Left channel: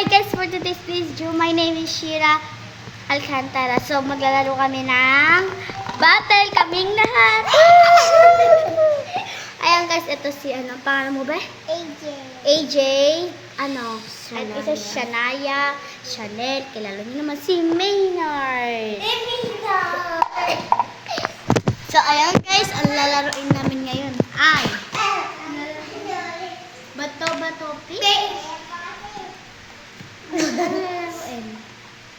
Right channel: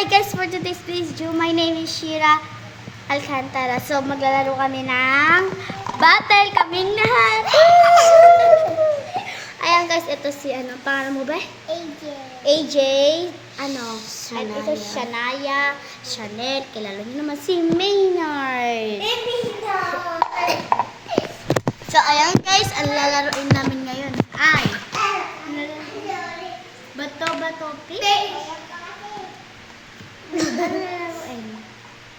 Hi guys, for today's video, my name is Shira Alcantara. So, maglalaro kami ng battle kaming lahat. Ayan guys, ito si pangalan mo ba? AJ. AJ, ito si Shania, Chanel, kilala niyo naman si Maynard. So, ayan guys, ang lalaroin namin ngayon ay bato-bato pick. Ano lalaroin?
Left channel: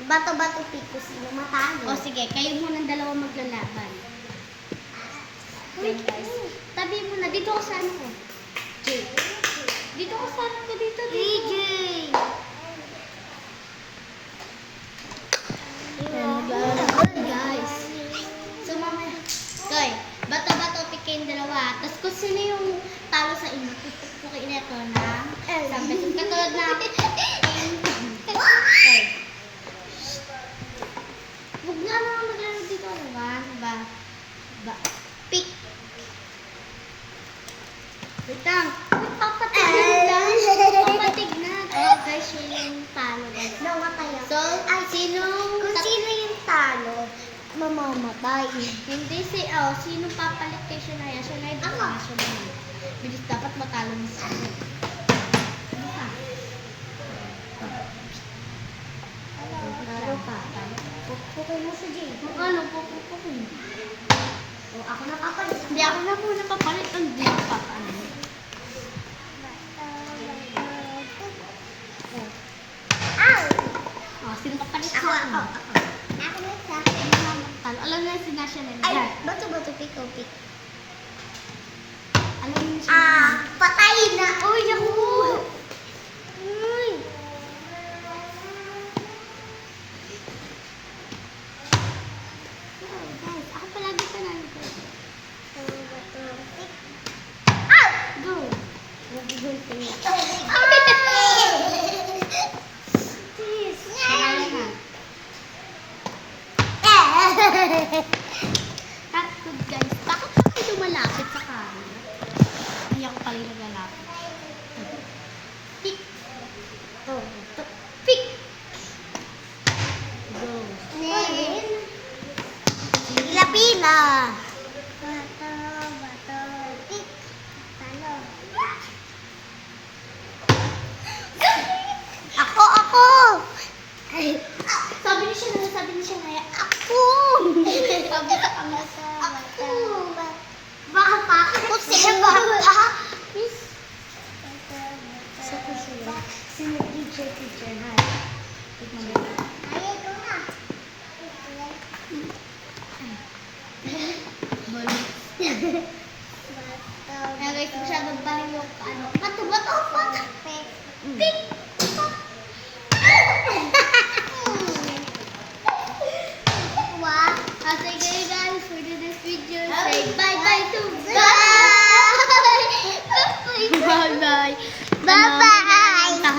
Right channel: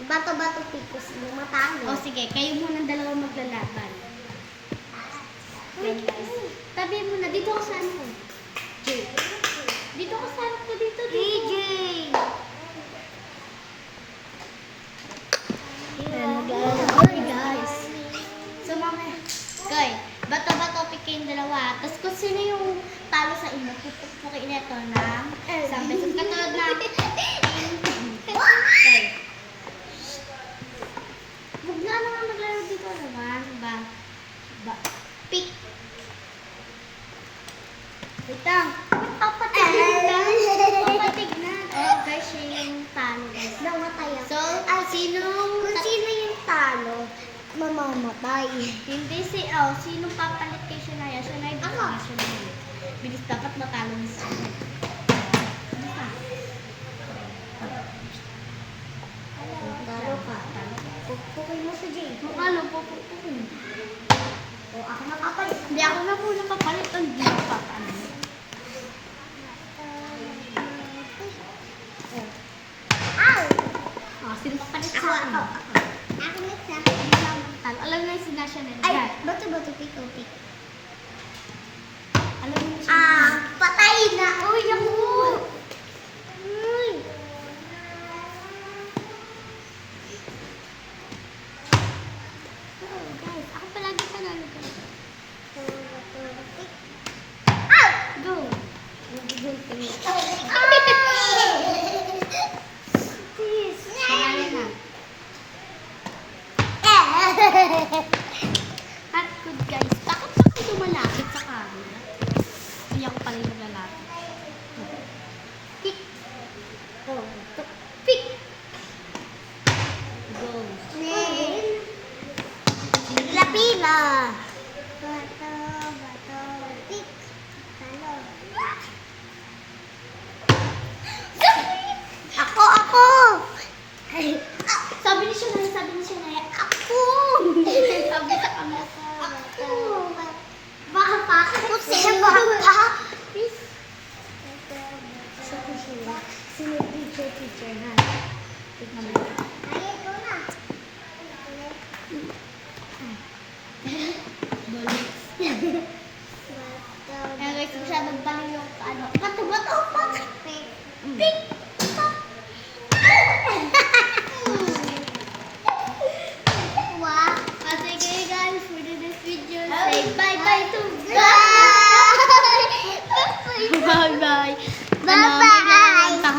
Bato-bato picos yung matalo. O sige, kayo muna dalawa maglalaban. Yan guys. Tabi mo na, dito ko sa ano ko. J. Dito ko sa ano ko, dito. AJ. Ayan, maglalaro kami guys. So mamaya, guys, bato-bato pick kayong dalawa. Tapos kung sino yung talo sa inyo, pupukpukin ito ng isang beses. Katulad na, okay. Huwag nga naman maglaro dito naman. Pick. Wait lang. Wait, papatignan lang. Papatignan. Oh, guys, siya yung talo, guys. Namatay ako. So, Kung sino yung talo, mamamatay. Hindi sinong papalit kay Shania? Shania, dito Ako. nga Shania. Bilis, dapat matalo ni Shania. Ano ka? Talo ka. Pupukay mo sa J. Ano, pupukin. O, ako na kapalit. Hindi, ako na muna papalit. Hindi ako papalit. Ow! Oh, sino papalit Ako, sa akin? ako. Ako na sa Talo. Alam na yung si Shania. Ay, bato-bato pick o pick. Alam mo yung Shania. Patay na. Uy, ako. Uy. Oh, guys, ako palagi panalo ko. Bato-bato pick. Ow! Go! Shania na. Takot guys. Bakit pa kayo lumalapit sa camera? Hindi ako pala naglalapit. Pick. Oh, pick. Go. Lapila. Bato, bato, pick. Talo. Ako. Sabi ni Shania, ako! Sabi sa camera sa Ako. Baka pa. Ako sila baka. Sa kusina. Sino teacher ha? Tignan mo. Ay, ito na. Bolos. Bato. Kaya guys, masyadong baliw yung bato-bato. Pick. Pick! Wow. Sige guys, for the next video, say bye-bye to Bye. Bye-bye. Bye.